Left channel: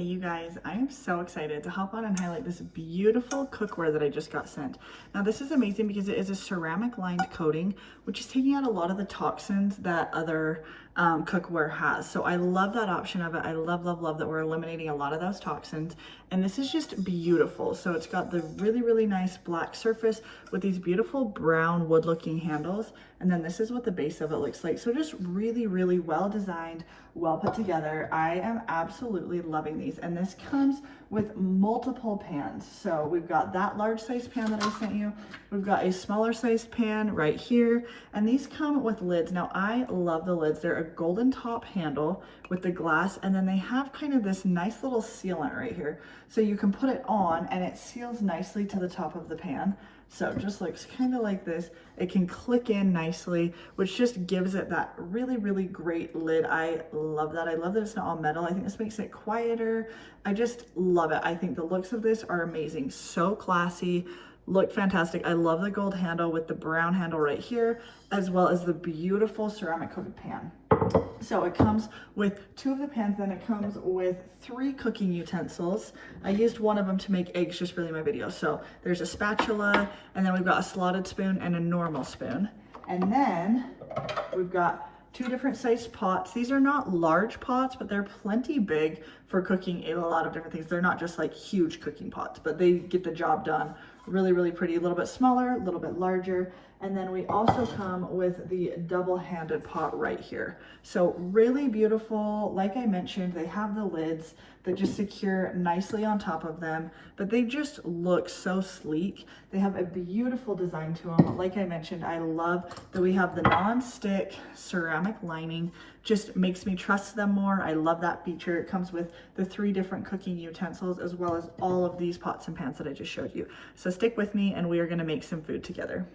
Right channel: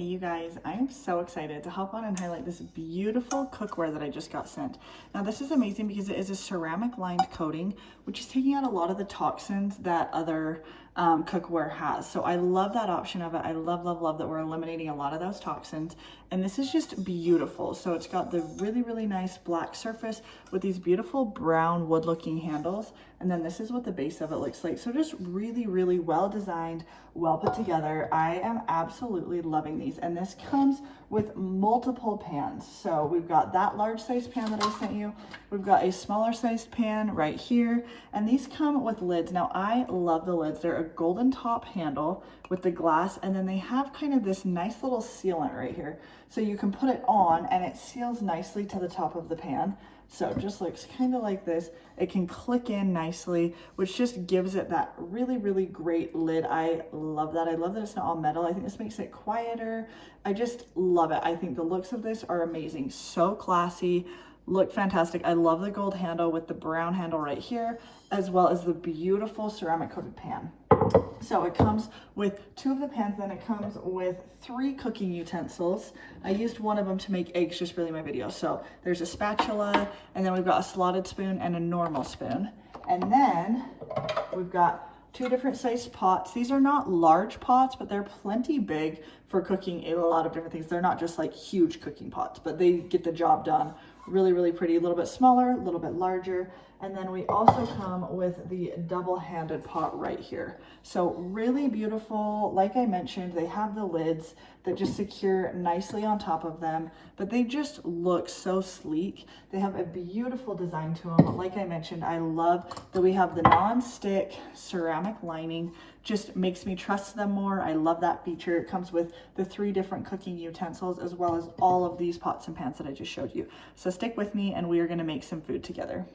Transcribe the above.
Hey you guys, I am so excited to hop on and highlight this beautiful cookware that I just got sent. Now this is amazing because it is a ceramic lined coating, which is taking out a lot of the toxins that other cookware has. So I love that option of it. I love that we're eliminating a lot of those toxins. And this is just beautiful. So it's got the really nice black surface with these beautiful brown wood looking handles. And then this is what the base of it looks like. So just really well designed, well put together. I am absolutely loving these, and this comes with multiple pans. So we've got that large size pan that I sent you, we've got a smaller sized pan right here, and these come with lids. Now I love the lids. They're a golden top handle with the glass, and then they have kind of this nice little sealant right here, so you can put it on and it seals nicely to the top of the pan. So it just looks kind of like this. It can click in nicely, which just gives it that really great lid. I love that. I love that it's not all metal. I think this makes it quieter. I just love it. I think the looks of this are amazing. So classy, look fantastic. I love the gold handle with the brown handle right here, as well as the beautiful ceramic coated pan. So it comes with 2 of the pans, then it comes with 3 cooking utensils. I used one of them to make eggs just for my video. So there's a spatula, and then we've got a slotted spoon and a normal spoon. And then we've got 2 different sized pots. These are not large pots, but they're plenty big for cooking a lot of different things. They're not just like huge cooking pots, but they get the job done. Really pretty, a little bit smaller, a little bit larger. And then we also come with the double-handed pot right here. So really beautiful. Like I mentioned, they have the lids that just secure nicely on top of them, but they just look so sleek. They have a beautiful design to them. Like I mentioned, I love that we have the non-stick ceramic lining. Just makes me trust them more. I love that feature. It comes with the 3 different cooking utensils, as well as all of these pots and pans that I just showed you. So stick with me and we are gonna make some food together.